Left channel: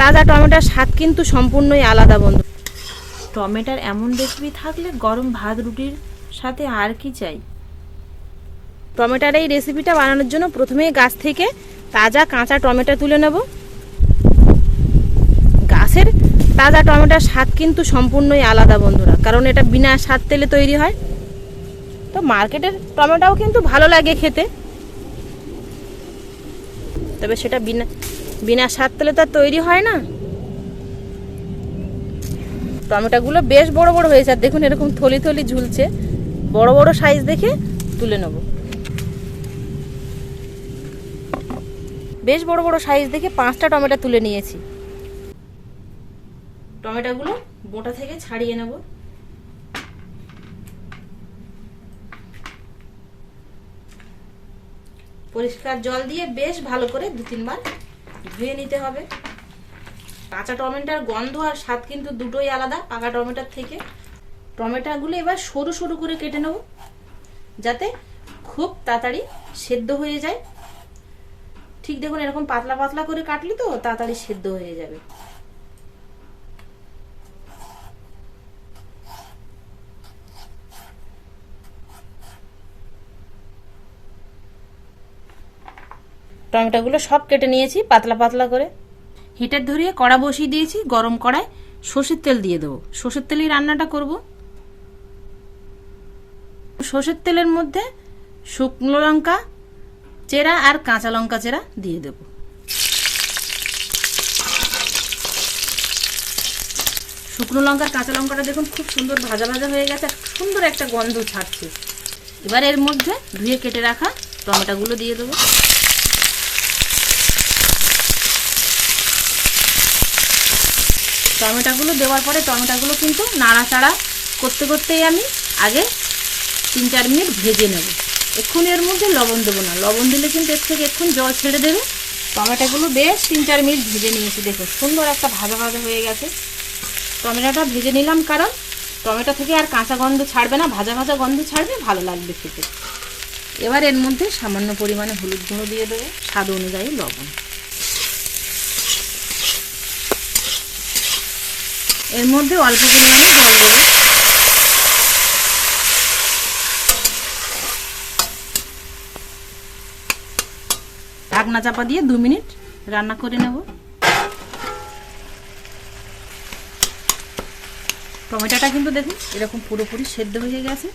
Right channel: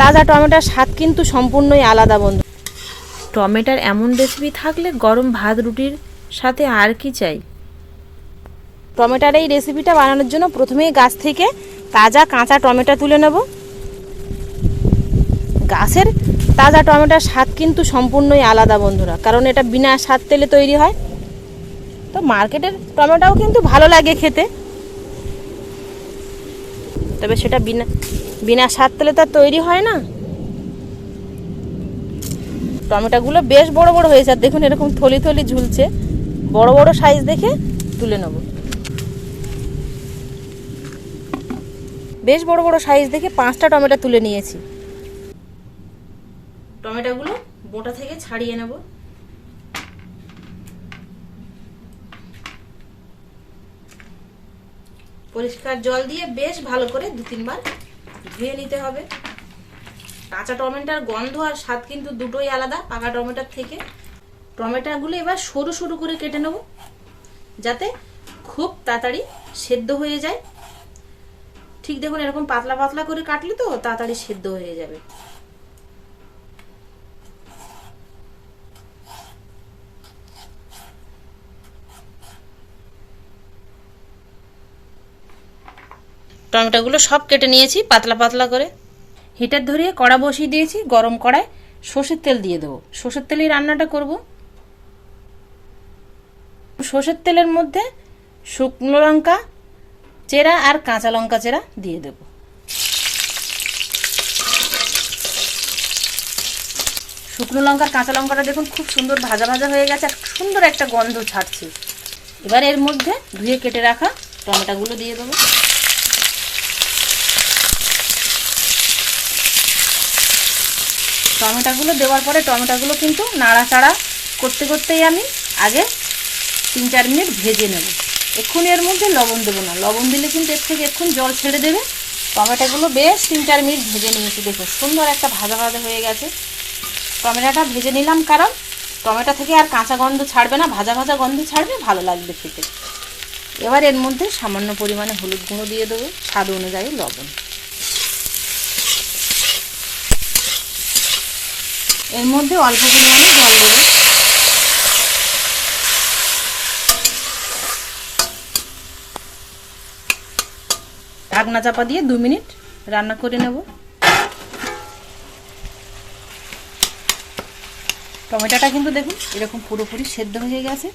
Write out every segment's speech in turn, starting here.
তাজা টমেটোর স্বাদ কিন্তু সম্পূর্ণই আলাদা বন্ধু। টমেটোর এমন রেসিপি থাকলে গরম ভাত রুটির সাথে আর কি চাই। টমেটোর এই রেসিপিটা বানানোর জন্য প্রথমেই গাছ থেকে তাজা কাঁচা টমেটো তুলে নেব। গাছের তাজা টমেটোর স্বাদ কিন্তু সম্পূর্ণই আলাদা বন্ধুরা, কারণ এটা বিনা স্বাদ তেলে তৈরি হয়। তো মার্কেটের টমেটোও কিন্তু ভালো লাগে খেতে, তবে সেটা বিনা স্বাদ তেলে তো তৈরি হয় না। টমেটোগুলো বেশ বড় বড় হয়েছে, আর দেখুন এরকম থলি থলি ঝুলছে। বড় বড় সাইজ দেখে তুলে নেব। বেশ বড় বড় সাইজ দেখে 5টা টমেটো তুলে নিয়েছি। টমেটোগুলো বোটা থেকে ছাড়িয়ে নেব। পরিষ্কার জল দিয়ে বেশ ভালো করে 2-3 বার ধুয়ে নিতে হবে। কাঁচা টমেটোর গন্ধ আর স্বাদ কিন্তু দুটোই আলাদা পাকা টমেটোর থেকে। টমেটোগুলো এবার সরু সরু করে কেটে নেব, যাতে খুব তাড়াতাড়ি সেদ্ধ হয়ে যায়। ঠিক দেখুন এরকম পাতলা পাতলা করে কাটলে তো তাড়াতাড়ি সেদ্ধ হয়ে যাবে। টমেটোগুলো সব কেটে নিয়েছি পাতলা পাতলা করে। হিটার ধরিয়ে কড়া বসিয়ে দিয়েছি। গরম কড়ায় সর্ষের তেল দিয়ে দেবো। সর্ষের তেলেই রান্নাটা করব। সর্ষের তেলের মধ্যে শুকনো লঙ্কা চেরা আর কাঁচা লঙ্কা চেরা দিয়ে দেব। শুকনো লঙ্কার কাঁচা লঙ্কাটা দেখুন খুব সুন্দর ভাজা ভাজা হয়ে গেছে, সুন্দর একটা গন্ধ ছাড়ছে। এবার এর মধ্যে ধুয়ে কেটে রাখা টমেটোগুলো দিয়ে দেবো। টমেটোগুলো দেওয়ার পরে টমেটোগুলো কিন্তু নাড়াচাড়া করতে করতেই আমি আগে 3-4 মিনিট ভেজে নেব। এক্ষুনি এর মধ্যে লবণ দেবো না, লবণ দিলে কিন্তু এর থেকে এক্ষুনি জল ছেড়ে দেবে। টমেটোগুলো বেশ 3-4 মিনিট ভেজে নিয়েছি। দেখুন সুন্দর একটা ভাজা ভাজা হয়ে গেছে। টমেটোটা ভেজে নিলাম কারণ টমেটো থেকে আর কাঁচা গন্ধ ছাড়বে না, ভাজা ভাজা গন্ধ ছাড়বে, ভালো লাগবে খেতে। এবার এর মধ্যে সামান্য পরিমাণে হলুদ গুঁড়ো দিয়ে দেবো, স্বাদ অনুযায়ী লবণ। এর মধ্যে অল্প পরিমাণে জল দেবো। ঢাকনা চাপা দিয়ে 2 মিনিট রান্না করে নেব। টমেটোটা কিন্তু দেখুন এরকম পুরোপুরি সেদ্ধ হয়ে গেছে।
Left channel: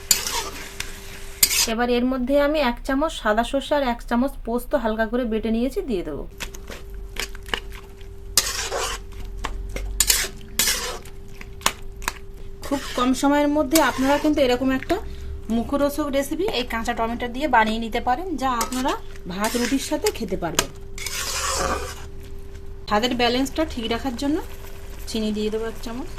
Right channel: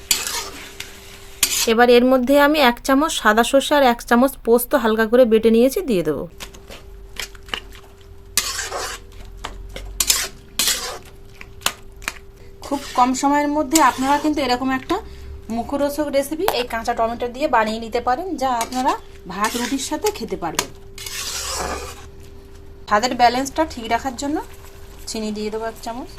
এবার এর মধ্যে আমি 1 চামচ সাদা সর্ষে আর 1 চামচ পোস্ত হালকা করে বেটে নিয়েছি দিয়ে দেবো। খুব কম সময়ের মধ্যে আপনারা কিন্তু এরকম একটা মুখরোচক রেসিপি এই কাঁচা টমেটো দিয়ে বানিয়ে নিতে পারেন, যা আপনারা ভাত রুটির সাথে খেতে পারবেন। স্বাদের ব্যালেন্সটা ঠিক রাখার জন্য চিনি দিয়ে দেবো 1 চামচ।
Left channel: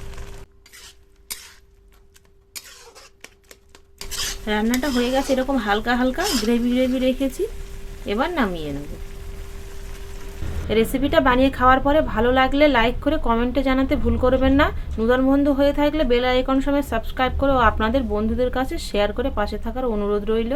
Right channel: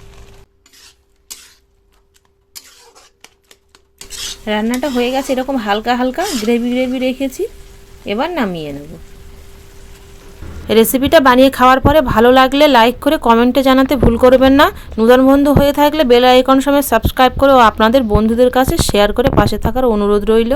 রান্নাটা হয়ে গেছে, এরকম হালকা হালকা গ্রেভি গ্রেভি রেখেছি। এবার নামিয়ে নেব। রেসিপিটা বানিয়ে খাওয়ার পরে ভালো লাগলে লাইক করে কমেন্টে জানাতে ভুল করবেন না। নতুন বন্ধু হয়ে থাকলে বেল আইকন সমেত সাবস্ক্রাইব করে ও আপনাদের বন্ধুদের কাছে শেয়ার করে পাশে থাকার অনুরোধ রইল।